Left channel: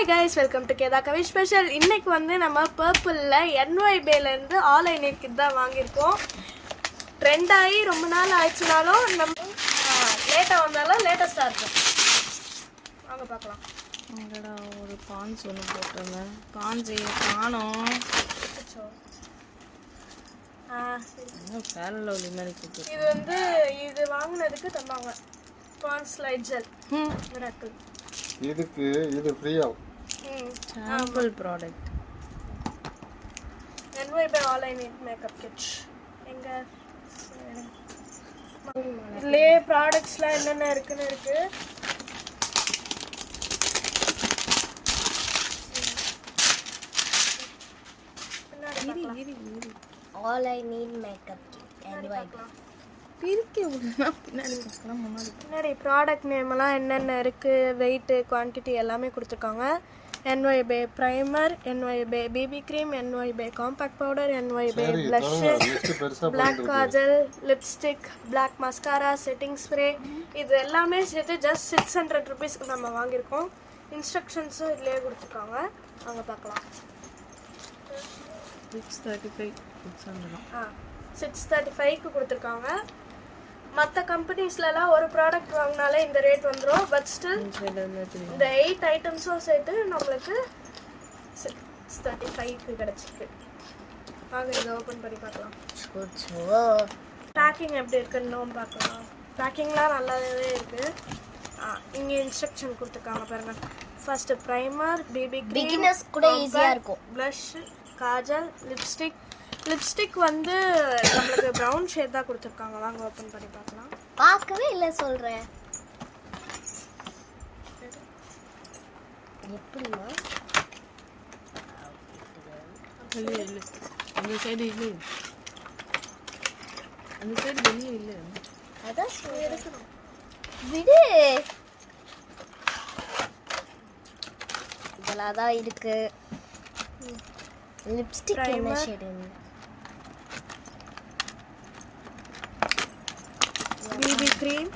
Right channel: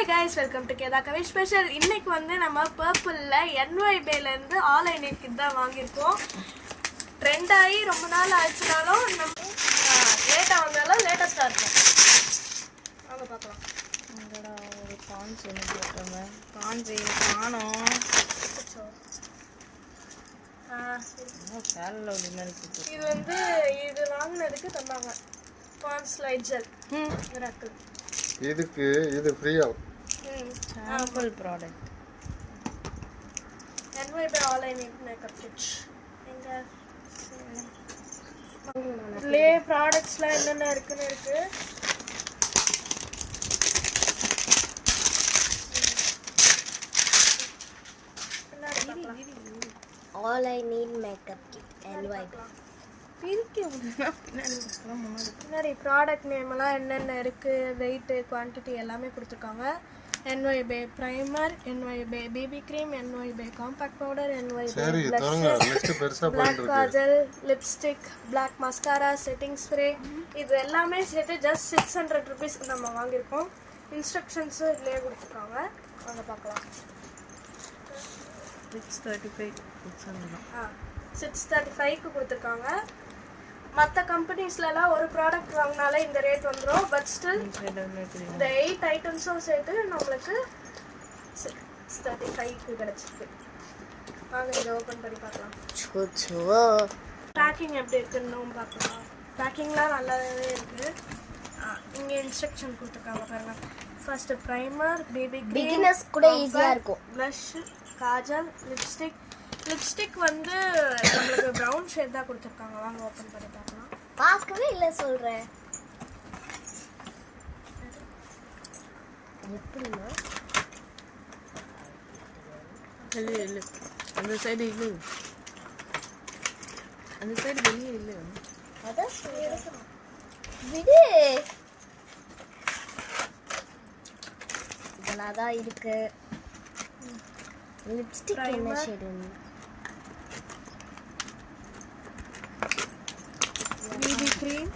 Hi guys, welcome to Keda Kavi Special. இன்னைக்கு வந்து நம்ம பர்பிள்ல NYBay ல இருந்து ஆல் ஐ நீட் கிட் தான் வாங்கியிருக்கோம். ட்ரெண்ட் ஆகி ரொம்ப நாள் ஆயிடுச்சுனாலும் நம்ம லேட்டா வந்தாலும் லேட்டஸ்டா இருக்கும். வாங்க பார்க்கலாம். அங்கடா ஒரு பான்ஸ் ஒன்று போட்டுருங்க. பான்ஸ் காணோம். இது வந்து இது வாங்கினதுக்கு தந்தாங்க பான்ஸ் லைட் ஜெல். மிராக்கிள். இதுக்கு இது ஃப்ரீயா sample product NYBay all I need makeup kit. எங்க லே ப்ராடக்ட்ஸ்லாம் என்னென்ன இருக்குன்னு இருக்கு. All I need makeup kit NYBay. முன்னாடி ப்ராடக்ட் நேம் எல்லாம் என்னென்ன இருக்கு, வெயிட், குவான்டிட்டி எல்லாமே கொடுத்துருக்காங்க. NYBay primer, NYBay baby cream, NYBay compact powder, NYBay blush, black kajal, lipstick, black mascara, setting spray, இது எல்லாமே சேர்த்து ஜஸ்ட் 600 rupees நம்ம வாங்கியிருக்கோம். இன்ஸ்ட்ரக்ஷன்ஸு இதுலேயே கொடுத்துருக்காங்க, அவங்க பார்க்கலாம். 635க்கு கொடுத்துருக்காங்க. மற்ற கம்பெனிஸ்லாம் ஒரு ப்ராடக்ட் வாங்கினாலே இந்த ரேட் வந்துடும். பட் ஸ்டில் இந்த 8 ஐட்டம்ஸும் சேர்த்து நம்மளுக்கு 635க்கு கிடச்சிருக்கு. வாங்க இதை ஓப்பன் பண்ணி பார்க்கலாம். பேக்கிங் எப்படி இருக்குன்னு பார்க்கலாம். பேக்கிங்லாம் நல்லாவே இருக்குது. இங்கே இன்ஸ்ட்ரக்ஷன் கொடுத்துருக்காங்க பாருங்க. ஃபர்ஸ்ட் ப்ரைமர், பேபி பிகினர்ஸ் கூட ஈஸியா இருக்கும். ப்ளஷ், காஜல், லிப்ஸ்டிக் வந்து நம்மளுக்கு ப்ரௌன் ஷேட் தான் கொடுத்துருக்காங்க. வாங்க ஓப்பன் பண்ணி பார்க்கலாம். பார்க்கவே இல்லை சொல்கிறேன். எப்படின்னா அந்த சைடு இல்லை, அந்த சைடு வெளியே இல்லை. அதான் சொல்றேன். விடு, இதெல்லாம் தான் இருக்கு. லிப்ஸ்டிக் என்ன ஷேடு? பேபி க்ரீம்,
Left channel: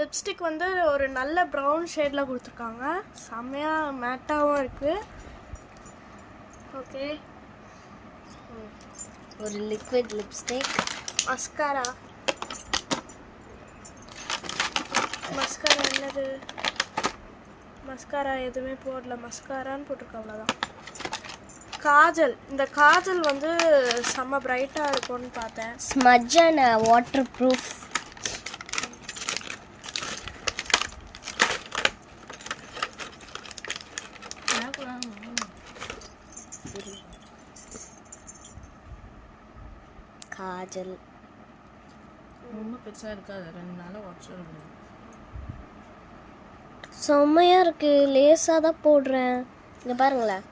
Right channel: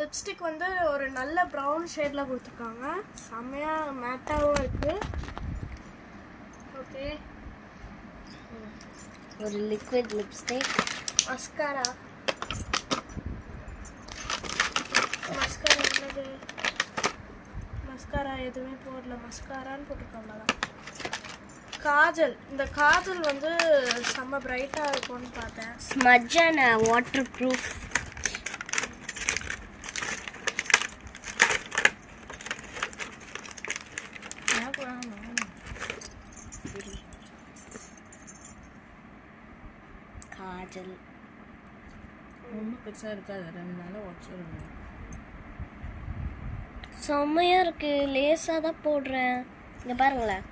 லிப்ஸ்டிக் வந்து ஒரு நல்ல ப்ரௌன் ஷேட்ல கொடுத்துருக்காங்க. செம்மையா மேட்டாவும் இருக்கு. ஓகே, ஒரு லிக்விட் லிப்ஸ்டிக், மஸ்காரா என்னது? மஸ்காரா எதுவுமே போடல, மஸ்காரான்னு போட்டிருக்காங்க. அவ்வளோதான். காஜல், இந்த காஜல் வந்து செம்ம பிரைட்டா இருக்கும்னு பார்த்தேன். Smudge and water proof. Kajal ரொம்ப பெருசாக இருக்காது, 2 நாளாக உடச்சிருங்க. செம்மையா இருக்கு. லேசாக தான் போடுறேன். இங்கே பாருங்களேன்,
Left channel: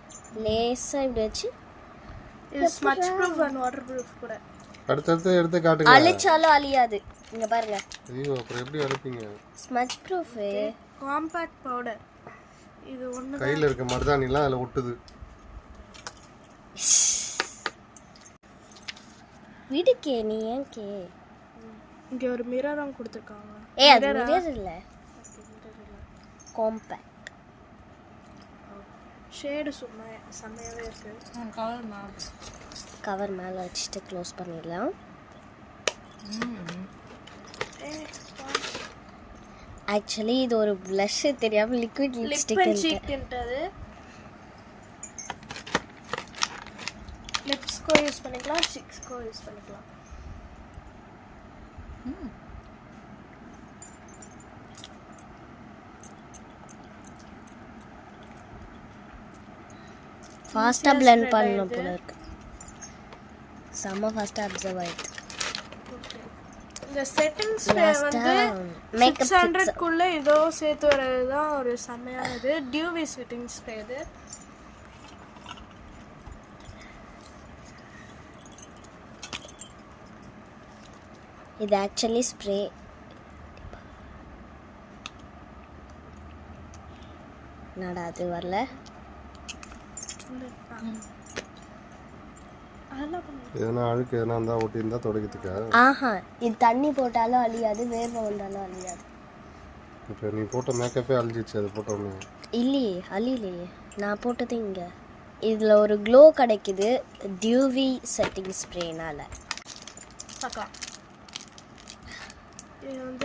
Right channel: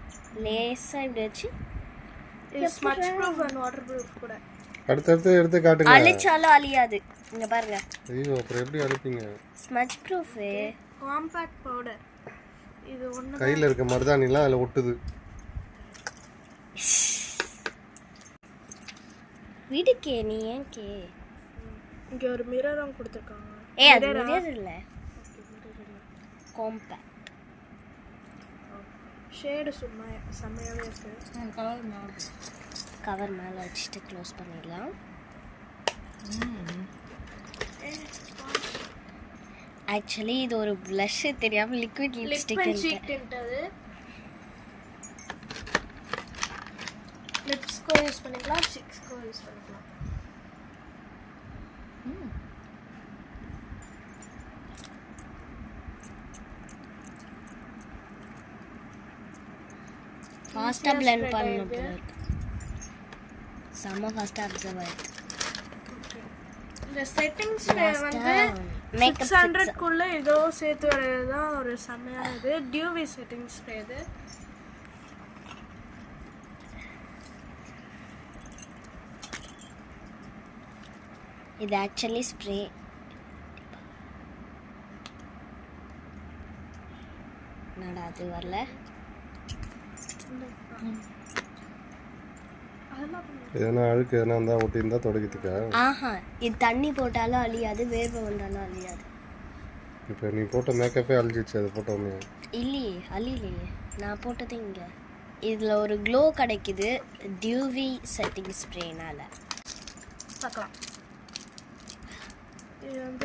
லேசாக இப்படி வச்சு இது smudge proof and water proof கூட. அடுத்து எடுத்து காட்டுங்க. அழிச்சாலும் அழியாது. இங்கே பாருங்க. ஐயோ, அப்புறம் எப்படி அழிப்பீங்க? Smudge proof compact powder. இது ஒன்று கையில் இருக்க மருதாணிலாம் அதில் ஒட்டுது. வீடுக்கே நீ ஏன் கே? இங்கே ஒரு மிரரும் கொடுத்துருக்காங்க. அது மிரர் இல்லை, காம்பாக்ட். ஷேடு சும்மா செம்மையாகவே இருக்கு. கவர் மேலே வச்சுட்டு க்ளோஸ் பண்ணிடலாம். ஆக்சுவலி இது ஒரு ப்ளஷ் தெரியாமல் லிக்விட் லிப்ஸ்டிக். லிப்ஸ்க்கோ யூஸ் பண்ணிக்கலாம், ஸ்டிக்ஸ்க்கோ யூஸ் பண்ணிக்கலாம். ஃபாஸ்ட்டாக பிளெண்ட் பண்ணணும் போல இருக்கு. செம்ம ஃபாஸ்ட்டாக அப்சர்வ் ஆயிடுது. இந்த செட்டிங் ஸ்ப்ரே வந்து 600க்குள்ள ஏதோ சேர்த்து வரது தான் ஒரு செம்மையானது. Dewy setting spray. இது ஆக்சுவலி ஸ்ப்ரே. என்னடா அது வரல? எதனா அழுக்கு எதனா இருந்தால் ஒட்டி இருந்தால் தொடக்கிறதுக்கா? ஆஹா, இது தண்ணி போட்டாலும் அழியாது, வேர்வை வந்தாலும் அழியாது. இப்போ நீ போட்ட மேக்கப்பே அழிஞ்சிச்சு அது போட்டோன்னே. இல்லையே, அழிலையே, நான் போட்டது இங்கே. இதில் ஒரு க்ளோ கிடைக்குது டியூவி செட்டிங் ஸ்ப்ரேனால். பார்க்கலாம். இது வந்து